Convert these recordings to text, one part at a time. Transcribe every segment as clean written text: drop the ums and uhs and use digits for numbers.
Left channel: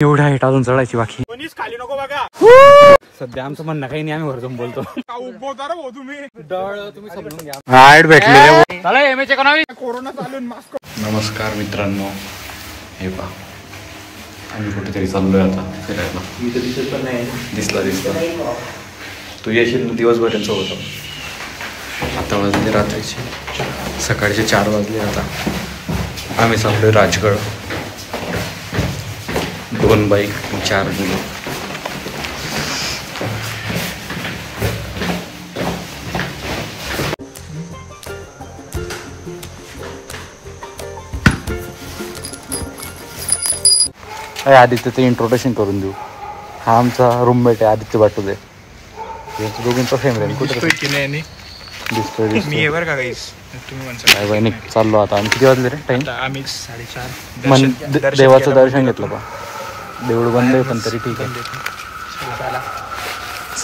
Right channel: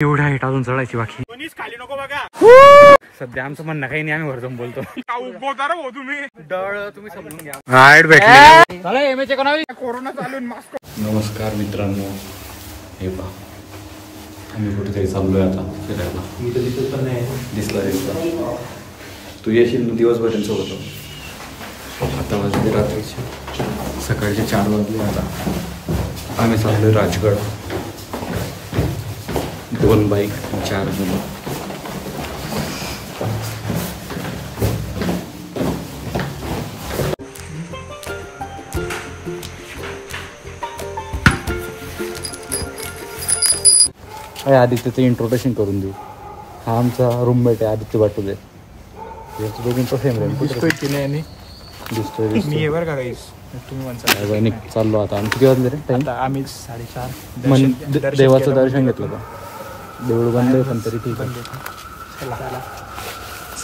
एवढ्या हाईट अजून चढायची बाकी. सध्या आमचं म्हणणं काही नाही, आम्ही वर जाऊन बोलतो. तुम्ही समजून घ्या. हाईट भेटलेले कोरोना चालून मास्क. नमस्कार मित्रांनो, हे पहा आम्ही कुठेतरी चाललोय आता फिरायला. दिसला तू येशील दिवसभर त्यांच्यासोबत. आता वाजले रात्रीचे, सकाळचे 4 वाजले. आता आम्ही चाललोय राजगड. 2 बाईक 4 मुलं. आदित्यचं इंट्रोडक्शन करून देऊ. हा आमचा रूममेट आहे आदित्य बाटुले. दोघींचा फेम राहील. चाललो आता. आम्ही किती वाजले रे टाइम? आम्ही 4:30. देवाचं दर्शन घेतलं बा. देऊळ बंद आहे पण तरी ठीक आहे.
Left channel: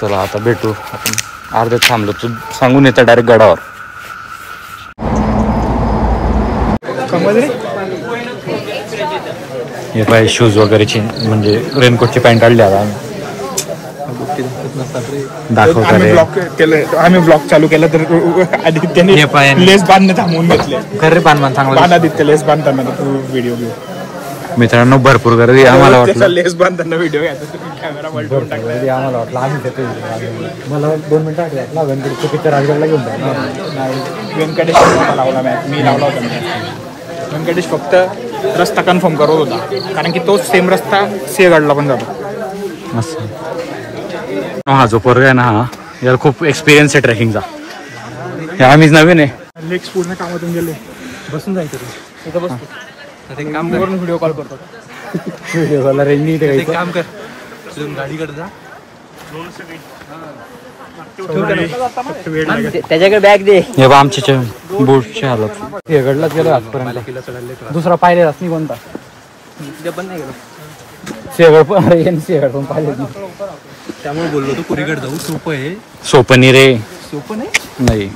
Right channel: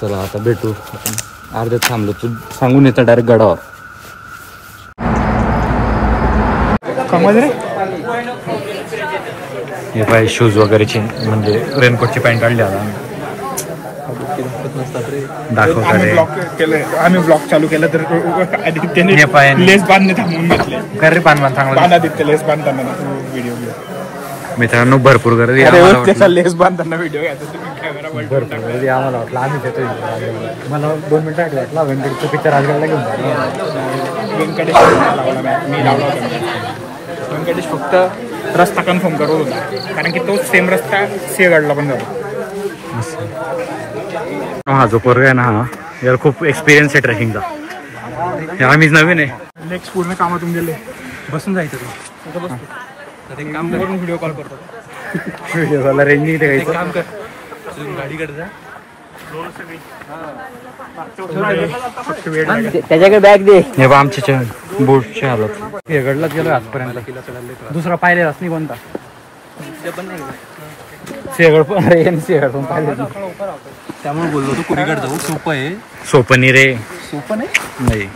चला आता भेटू आपण. अर्ध्यात थांबलो तू सांगून येतं डायरेक्ट गडावर. हे पाय शूज वगैरेचे म्हणजे रेनकोटची पॅन्ट आणली आता आम्ही. दाखवता रे. आम्ही ब्लॉग चालू केला तर आदित्यने लेस बांधणं थांबवून घेतलं. कर रे बांधणं चांगला आदित्य लेस बांधताना व्हिडिओ. मित्रांनो भरपूर गर्दी आम्हाला वाटलं. लेस बांधताना व्हिडिओ भरपूर गर्दी आम्हाला वाटलं आम्ही येतोय. मला 2 मिनिटं आधी वाटलं व्यंकटेशचं पिक्चर राजगडला घेऊन जाय. व्यंकटेश फक्त रस्ता कन्फर्म करत होता कारण की तोच सेम रस्ता सिंहगडला पण जातो. असं हा जो पोरगा आहे ना, हा यार खूप एक्सपिरियन्स आहे ट्रेकिंगचा. आम्हीच नवीन आहे. नेक्स्ट पूर्ण कामातून गेले. बसून जायचं व्हिडिओ कॉल करतो. व्हिडिओ कॉल रेंज नाही ते गाडीकडे जा. त्याच्याकडे बॅग दे. हे बा आमच्या बोटची हालत. हे गडलाच गेलो आजपर्यंत. दुसरा पाहिलेलाच नाही कोणता. शेगड पण अरे शेगड पण पाहिलेच नाही. त्यामुळे बोललो तो कुरीगड जाऊ. सोपं आहे. सोपं नाही रे. सोपं नाही.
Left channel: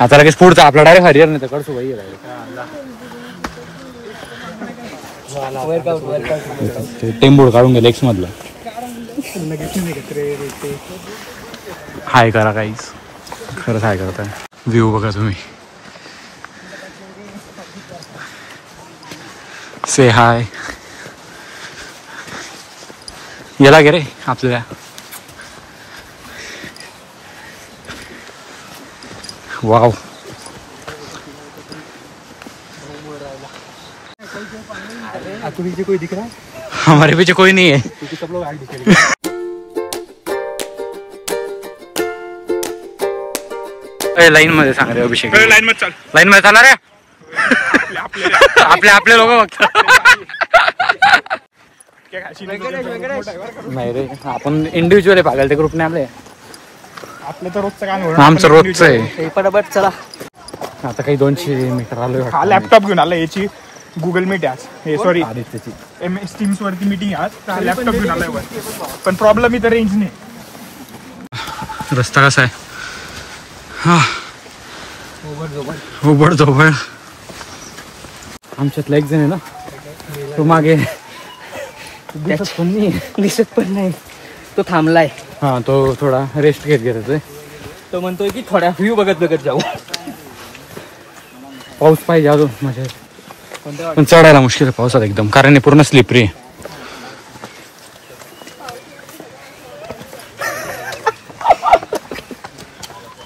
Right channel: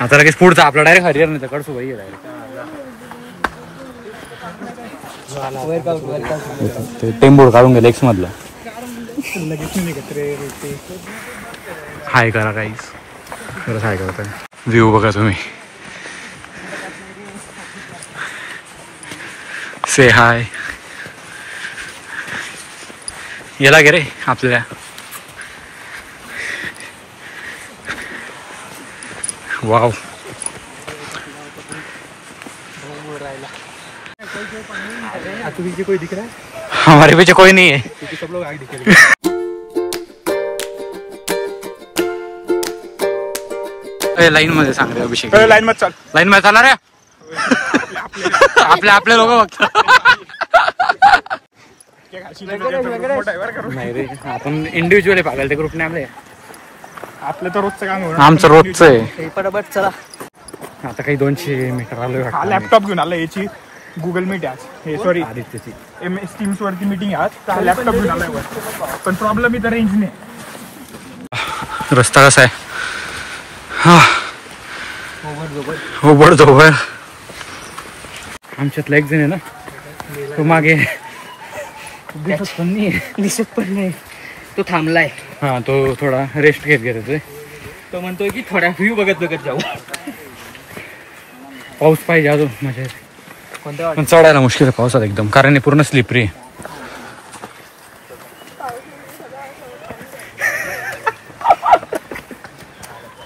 आता लगेच पुढचा आपला डायरेक्ट हरिहर नाही त्याकडे सोबई डायरेक्ट. टेंबूड काढून गेले एक्स मधलं. हाय करा काहीच. खरंच हाय करताय. व्ह्यू बघा तुम्ही. से हाय. याला गे रे आपल्या. वाव. पीछे कोई दिख रहा है? हमारे पीछे कोई नहीं है. सब लोग आगे दिखेंगे. लाईन मध्ये सांग रे अभिषेक. लाईन मध्ये चाल. लाईन मध्ये चाला रे. आपले लोक बघतात. नाही रे आपण इंडिव्हिज्युअल पाहिलं ते ग्रुप नाही. आपलं तर रोजचं काम. आमचं रोजचं आहे. पटापट चला. आता काही 200 मीटर आलोय. लॅपटॉप घेऊन आला. याची गुगल मीट आहे. सॉरी आदित्यची MS Teams वरती मीटिंग आज. लॅपटॉप घेऊन आलाय पण प्रॉब्लेम इथं रेंज नाही. रस्ता कसा आहे? हा ओबड धोबड. आमच्यातला एक जण आहे ना, तो मागे दिसत पण नाही. तो थांबलाय. हा तो थोडा रेस्ट घेत येतोय. तो म्हणतोय की थोड्या व्ह्यू बघत जाऊ. पाऊस पाहिजे अजून मजा येते. पण चढायला मुश्किल आहे पावसात एकदम, कारण हे पूर्ण स्लिपरी आहे.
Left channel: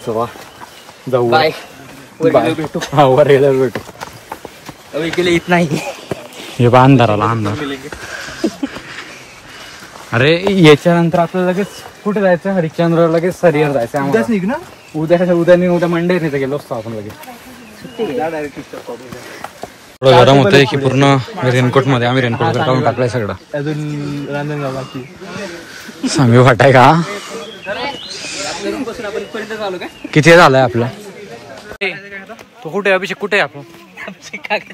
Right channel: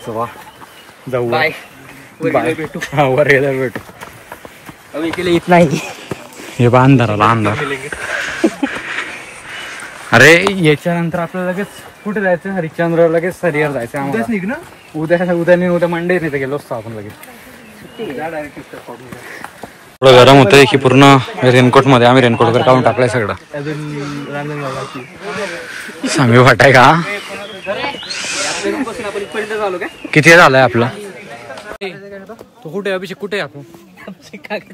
चला जाऊ. बाय. भेटू. हा वर भेटू. इतना ही हे बा अंधाराला अंधार. अरे याच्यानंतर आपल्याला लगेच कुठे जायचं? हरिश्चंद्र लगेच हरिहर जायचं आम्हाला. उद्या मंडे नाही तर गेलो असतो आपण लगेच. थोडं गरम होतंय की पूर्ण रेनकोट मध्ये. आम्ही रेनकोट वगैरे काढून टाकलाय सगळं. सांगू वाटाय का? किती झालंय आपलं? तो कुठे अभिषेक? कुठे आहे आपण?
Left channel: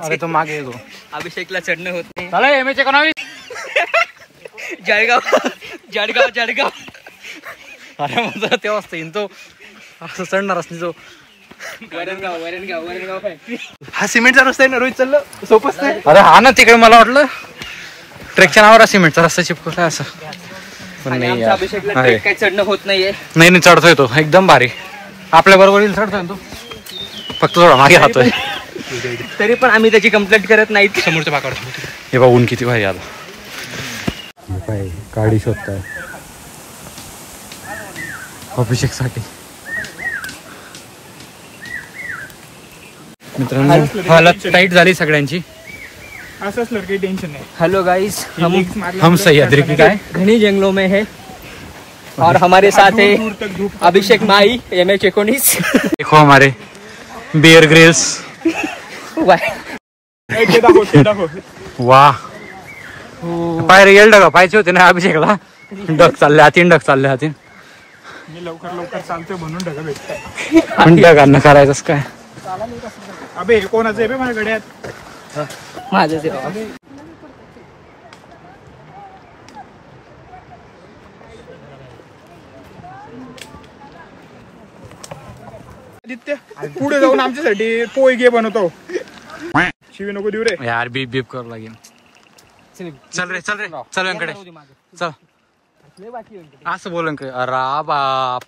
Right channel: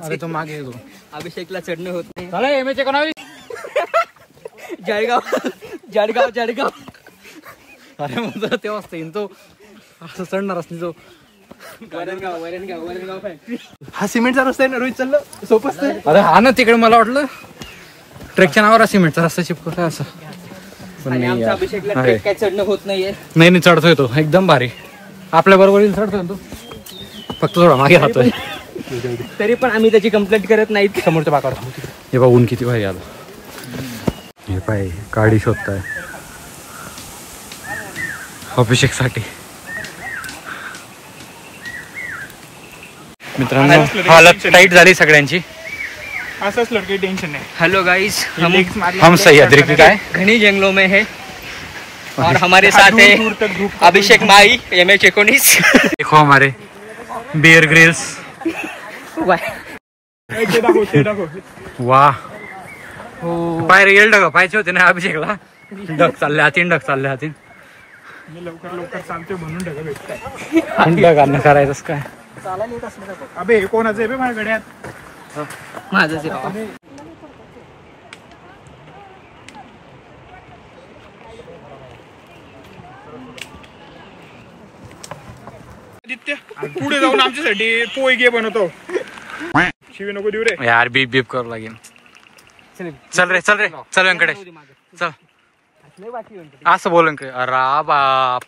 अरे तो मागे येतो. अभिषेकला चढणं होत नाही. जळगाव. अरे माझा तेव्हा असतं तो असं चढणार असते. जो वरणगाव हा सिमेंटचा रस्ता आहे ना रोहित. चाललं सोपच नाही. अरे हा ना तिकडे. मला वाटलं ट्रेकच्या नावावर सिमेंटचा रस्ता चिपकवला असं पण नाही यार. काही चढणं होत नाहीये. नाही चढतोय तो एकदम भारी. आपल्या बरोबर येईल चढतोय तो, फक्त थोडा मागे राहतोय. तरी पण आम्ही त्याची कंप्लेंट करत नाहीत. समोरच्या बाकावर हे बा ऊन किती भारी आलं. हे पाय गाडी शोधताय अभिषेक साठी. मित्रांनो हालत टाईट झाली सगळ्यांची. असंच लड़के टेंशन नहीं. हेलो गाइस, हम सह्याद्री की काय घनी जंगलों में है और हमारे साथ है अभिषेक माई MH19. देखो हमारे बियर ग्रिल्स. वाह पाय रिअल डग पाहिजे होते ना अभिषेकला. डग चालले हातीन डग चालले हातीन. मी लवकर चालतोय म्हणून ढगा भेटतंय. डगांना करायचंच काय. अबे कोणाचं आहे बे माझ्या गड्यात. माझंच आहे बाबा. आदित्य पुढे जाऊन आमच्यासाठी पोय घे बनवतो. शिवी नको देऊ रे यार. बीप बीप करू लागेल. चल रे चल व्यंकडे चल. असं बोलन का अरा बाप.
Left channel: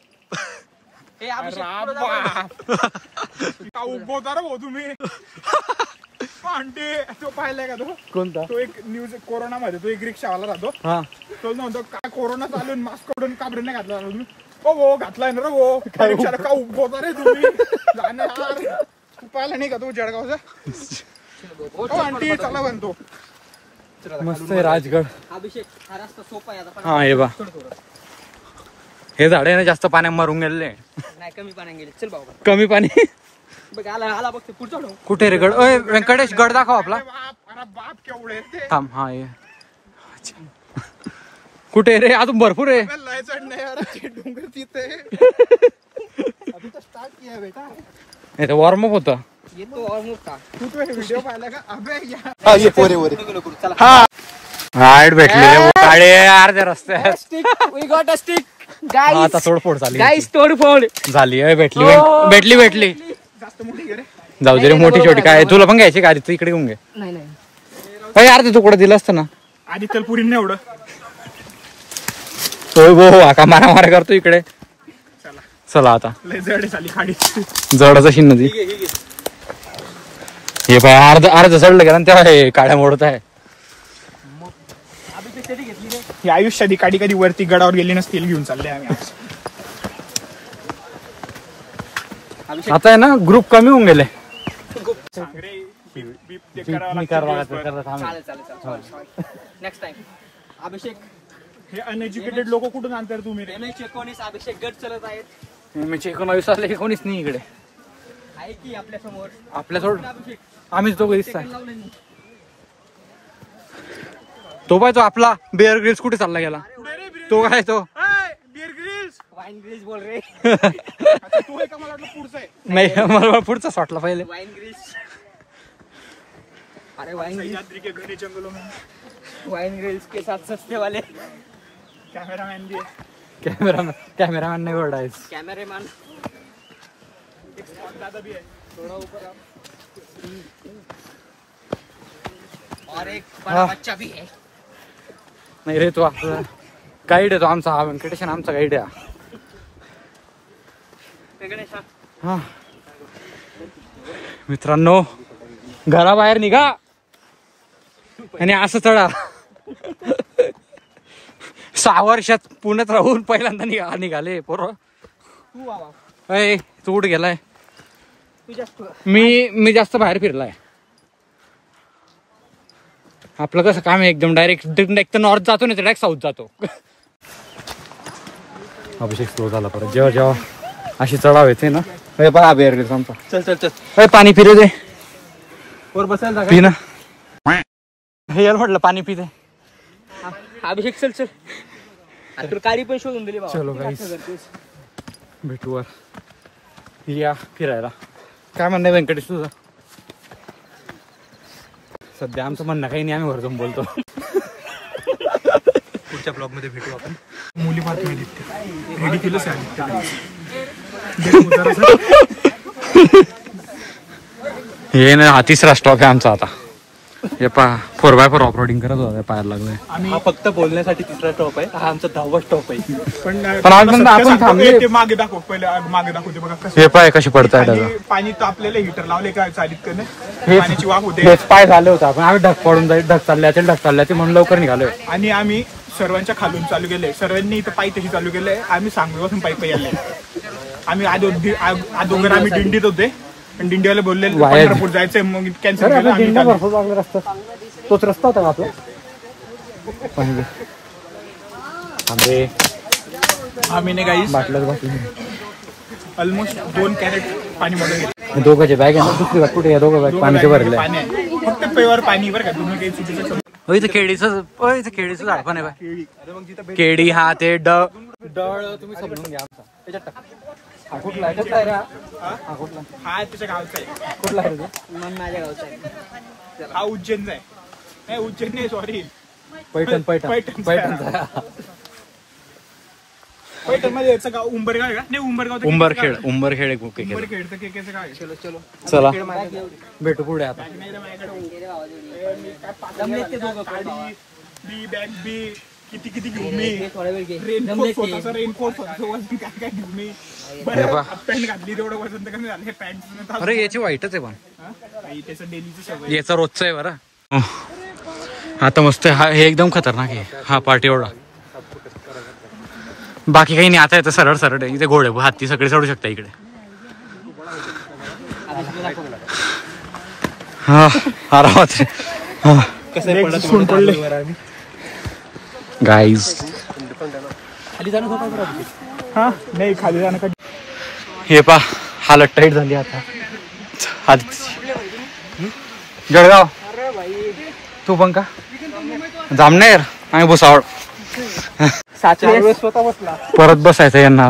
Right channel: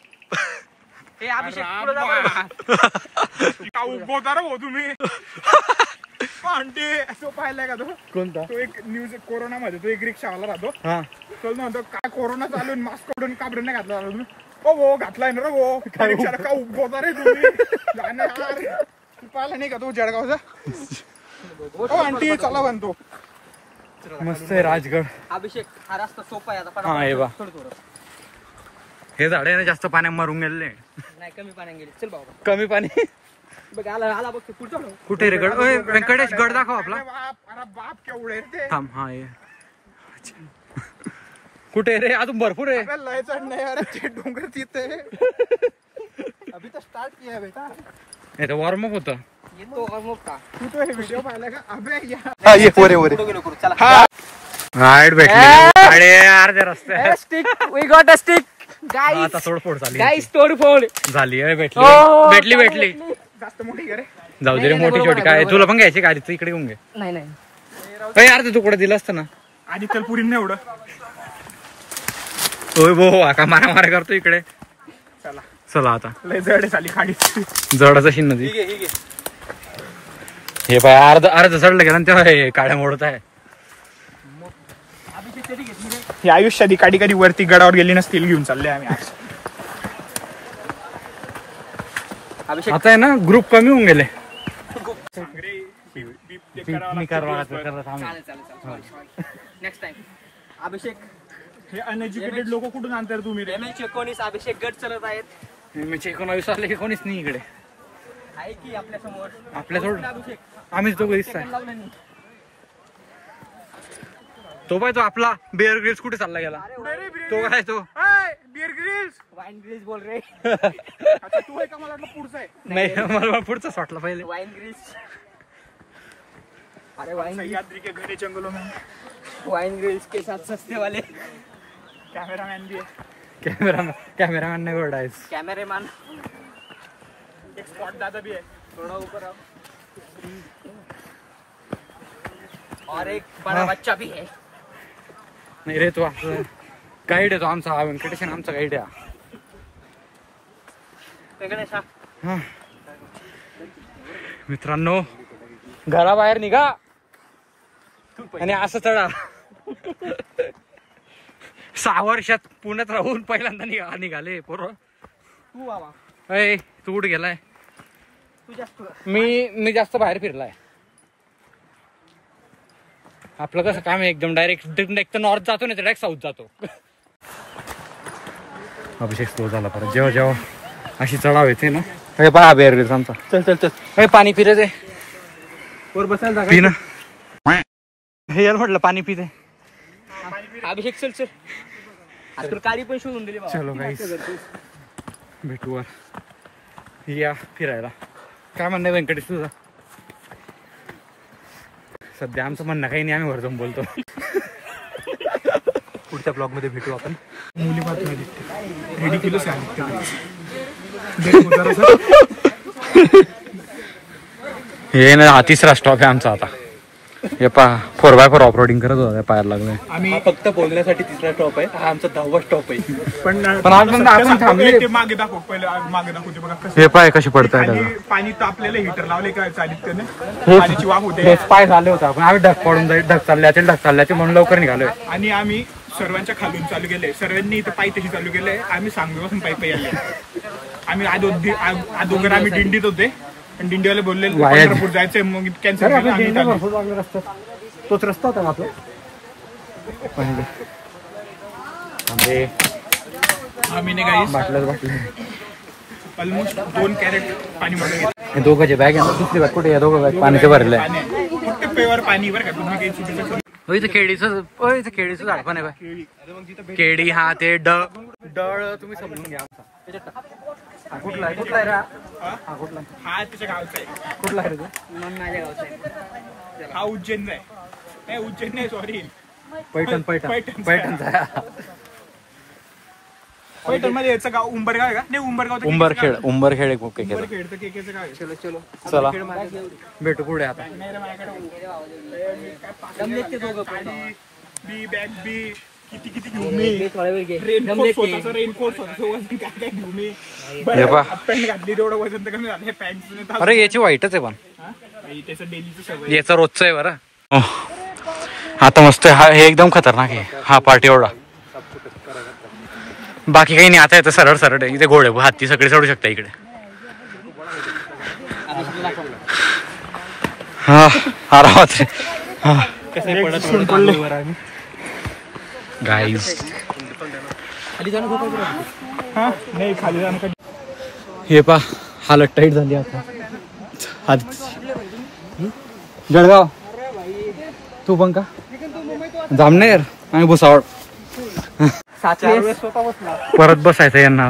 का उभवता रे भाऊ तुम्ही. आंटी तो पाहिलाय का तो. कोणता तो एक न्यूज कोरोना मध्ये तो एक रिक्षावाला राहतो. तो म्हणतो काय कोरोना चालून मास्क काढून काबरे नाही घातला तुम्ही. हो घातलाय ना रे हो. रिक्षाला का उभवता रे तुम्ही. तू पाहिला नाही का तो जळगावचा. आंटी चला म्हणतो. मस्त आहे राजगड. अभिषेक हा रस्ता सोपा आहे आता. हा हे बा हे झाड आहे ना जास्त पाण्यात मरून गेले. नाही कमी पाण्यात गेले. चल बाबा कमी पाणी. बघ आला बघ पुढचा. कुठे रे गड. व्यंकटेश गड दाखव आपला. अरे बाप केवढे ते. थांब हा ये. कुठे रे अजून भरपूर आहे. लय चढ नाही अरे डोंगर तिथे. अभी तो स्टार्ट किया है बेटा. हे तर वॉर्मअप होतं. ये तो और का तू तो व्हिडिओ पाहिला का. अबे चला हाईट भेटलेले काळे अर्ध्या रस्त्यात. Stick we got a stick guys. आता तोडफोड झाली. गाइस तोडफोड झाली आहे. भेटली जास्त मोठी करे. जाऊ दे रे मोठी छोटी काय तुला पण घ्यायची गाडी. तू इकडे घेऊन घे. नाही अर्ध तुकडं दिलं असतं ना. आधी तर पुरी नाही एवढं. होय भाऊ आता मारा करतो इकडे. चला आता लय जड झाली खाडी. जडच अशी नदी. हे पण अर्ध चढलं गेला तेव्हा हे काळ्या मोडत आहे. ही आयुष्यात काडी कधी वरती गडावर गेली नसतील घेऊन चालले आम्ही. आता आहे ना ग्रुप कमी होऊन गेले. नेक्स्ट टाइम अभिषेक हे अनएज्युकेटेड लोक कुठून आणतात तुम्ही रे. MH19 अभिषेक गट चलत आहेत. MH19 आले की कोणीच नाही इकडे. आहे की आपल्या समोर. आपल्या सोड अभिषेक आम्हीच दोघं दिसताय. तो पाय तो आपला बिअर ग्रिल्स कुठे चालला गेला. तो काय तो बिअर ग्रिल्स वाईन ग्रिल्स बोल रे. अच्छा तू आहे का. मला वाटलं पुढचा आहे. नाही मला पुढचाच वाटला पहिले. वाईन ग्रिल्स. अरे वाईन सह्याद्री के घने जंगलों में वाईन ग्रिल्स के साथ सस्ते वाले कैमरामैन भी है. कॅमेरामॅन नाही ओरडायच. कैमरामैन एक स्पॉट दादा भी है. थोड़ा ऊपर और एक बड़ा बच्चा भी है. नाही रे तो आपला गाईड आहे तो आमचा. हा व्यंकटेश आमचा गाईड आहे. हा मित्रांनो घराबाहेर निघा आणि असं चढा. 6 वर्षात पुण्यात राहून पहिल्यांदा निघाले पोरं. तू कुठे गेलाय. मी जास्त बाहेर फिरलाय. आपलं कसं काम आहे एकदम डायरेक्ट नॉर्थ जातो नाही तर डायरेक्ट साऊथ जातो. अभिषेक स्लो झाला परत जेव्हा अशी चढाव येते ना. पहा बेर चल पाणी पिरे दे. वर बसायला पी ना. हे यार म्हटलं पाणी पिते. अभिषेक चल तुला गाडी पण शोधून दिली बाबा. चलो गाईस भेटू वर या फिरायला. काय म्हणणं व्यंकटेश तुझं. सध्या आमचं म्हणणं काही नाही. आम्ही वर जाऊन बोलतो. पुढच्या ब्लॉग मध्ये भेटू आपण. मुली मात्र रेडिक्युलस आहे. हे ना हा 3रा स्टॉप आहे आमचा आता. हे पा 4x4 ऑफरोडिंग करत होता पायाला लागलाय. आम्ही फक्त बोलण्यासाठी तिसरा स्टॉप आहे, हा आमचा 10वा स्टॉप आहे. पण आपण थांबले. ते मागे दाखव पहिले, मागे दाखवते बघा कसं हे पाय कशी पडताय त्याचा. पाणी तापलेलं हिटर लावले काय चालीत करणं, हे पाण्याची वाफ होते. हेच पाय झाले होता आपण आम्ही ढग पडून जाईल, ढग चालल्याचे म्हणून लवकर निघालोय. आणि आम्ही सर्वांच्या खालून चालू केलंय, सर्वांनी इथं पायी तशी चालू केलंय. आम्ही सांगलीपासून पायी आले. आम्ही अगोदर आम्ही दिंडीत होते, पण दिंडीवाले बोलले पंढरपूर जायचंय, मग कॅन्सल. तोच रस्ता होता का आपला. आम्ही नाही काही बाटल्या ऑलमोस्ट 2 कॅरेट पाणी मध्ये हे दोघांचे बॅग आहे ना. दुसरी बॅग कुठे, या दोघं बॅग पाण्याचे भरले. फक्त पेवर पाणी बरं का, तुम्ही काही चुकीचं. इथं केळीचं झाड पण आहे बाय. केळी हा ते डळ तुम्ही समजून घ्या आमचा. हा कुठला आहे रे. हा कुठला हा तुझ्या गावचा आहे. कुठला आहे रे. माझ्या गावचा आहे. हा उज्जैनचा आहे. उज्जैन नाही, सॉरी पैठणचा पैठण मध्ये याचं गाव उंबरगाव का नाही. उंबरखेड एक उंबरखेड तर केकेचं गाव आहे. चला भेटू पुढे आता. बॅग बी किती घेऊ मी. रेनकोट स्वतःचं काय घेऊ मी. पॅन्ट घातली तेवढं वजन तर कमी झालं. हे पॅन्ट अरे याची वाईटच आहे पण त्याचं डेलीचं सवय. याचा रोजचा आहे बरं. आता मस्त हे एकदम खतरनाक आहे हा पार्ट एवढा. बाकी काही नाही. आता येतं सरळ आहे. इथे घोडे हाती सगळे चढू शकता इकडे. हा आरामात गाईज. नाही खाली जाणं. हे पा हालत टाईट झाली आता. जळगाव तू पण का जामनेर आणि भुसावळ. परत बसायचं यांना.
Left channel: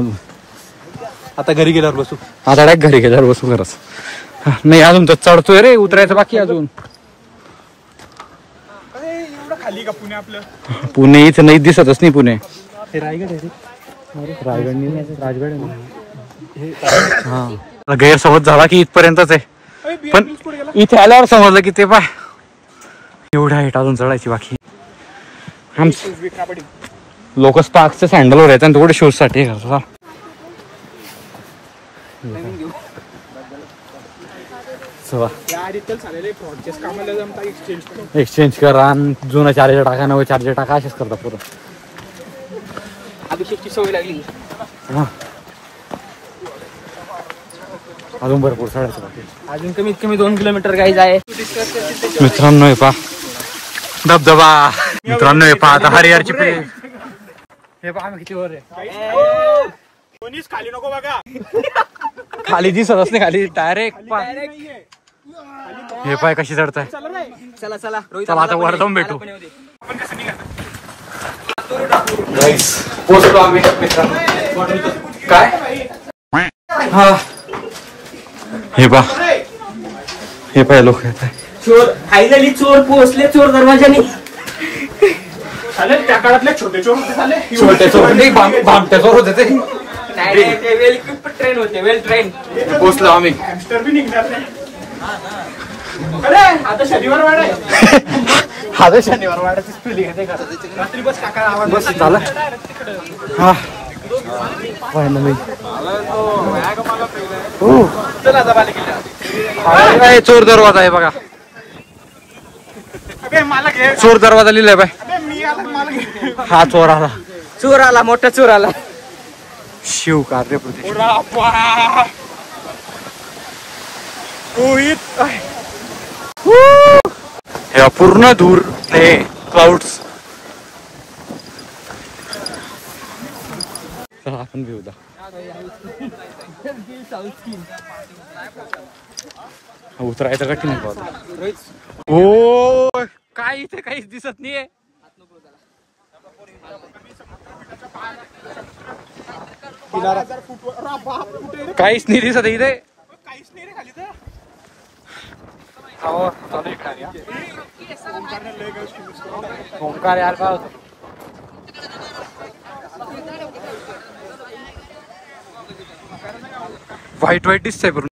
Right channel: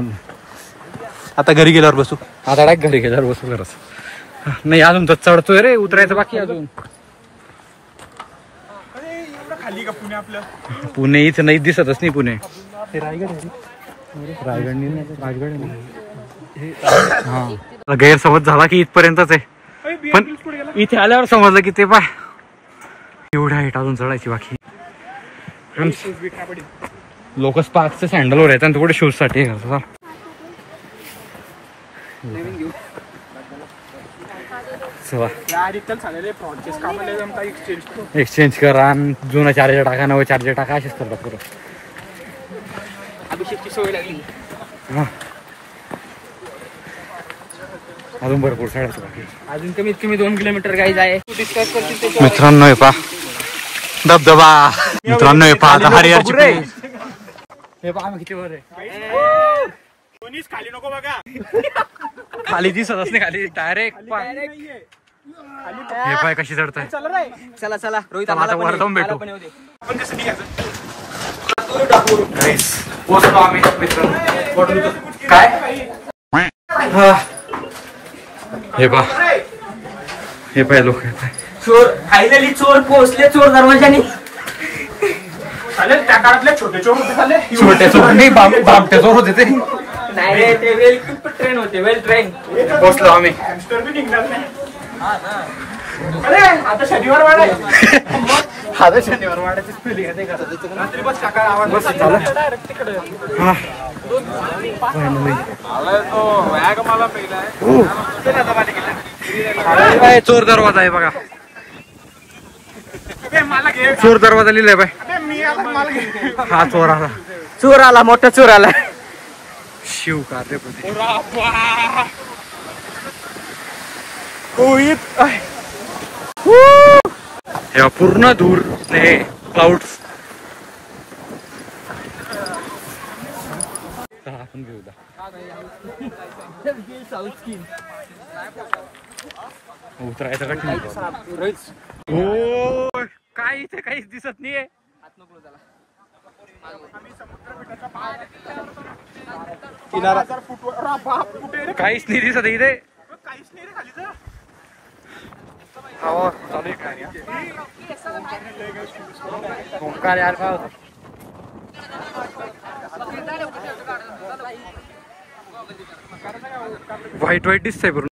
आता घरी गेल्यावर बसू. आता डायरेक्ट घरी गेल्यावर बसू खरंच. नाही अजून तर चढतोय रे, उतरायचं बाकी अजून. खाली का पुणे आपलं. पुणे इथं नाही दिसतच नाही. पुणे रायगड आहे. राजगड आहे. हा गैरसमज झाला की इथपर्यंतच आहे, पण इथे आल्यावर समजलं की ते पाय एवढ्या हाईट अजून चढायची बाकी. लोक स्पार्क्सचे सँडल वर आहेत आणि थोडे शूज साठी करतात. एक्सचेंज करा आणि जुना चार्जर टाका, नवं चार्जर टाका, असेच करतात पुरं. अभिषेकची सवय लागली. हा अजून भरपूर चढायचं बाकी. अजून कमीत कमी 2 किलोमीटर गाईज आहे. मित्रांनो हे पा धबधबा. मित्रांनो हे पा आता हरिहरची प्लेस. हे पा आम्ही किती वर आहे. खाली नको बघा. खाली दिसतच नाही. खाली डायरेक्ट पा. हे पाय कशी चढताय. चला आता वर जाऊन भेटू. काय हा हे पा हे पाय लोक येत आहे. चोर फायनली चोर पोहोचले. चोर दरवाजाने. त्या काळातले छोटे चोर होते झाले. छोटे चोर नाही, भामटे चोर होते ते. नाही रे, ते वेल ट्रेन होते. वेल ट्रेन. पोहोचलो आम्ही. निघणार नाही. अरे आता शनिवार वाडा आहे. आता शनिवार वाड्याची स्पेलिंग आहे का. रात्री बस टाका आवाज. बस झालं. हा फायनली चोर दरवाजा आहे बघा. मला घे. चोर दरवाजा लिहिलाय बाय. मी आता मला घे. हा चोर आला. चोर आला. मोठा चोर आला. शिव कार्य प्रदेश. या पूर्ण दूर हे क्लाउड्स. आपण घेऊ दा. उतरायचं कठीण आहे. हो काय इथे काहीच दिसत नाहीये. काहीच नाही दिसत इथे. काहीच नाही रे खाली तर. ओंकार यार काय होत. व्हाईट दिसतंय.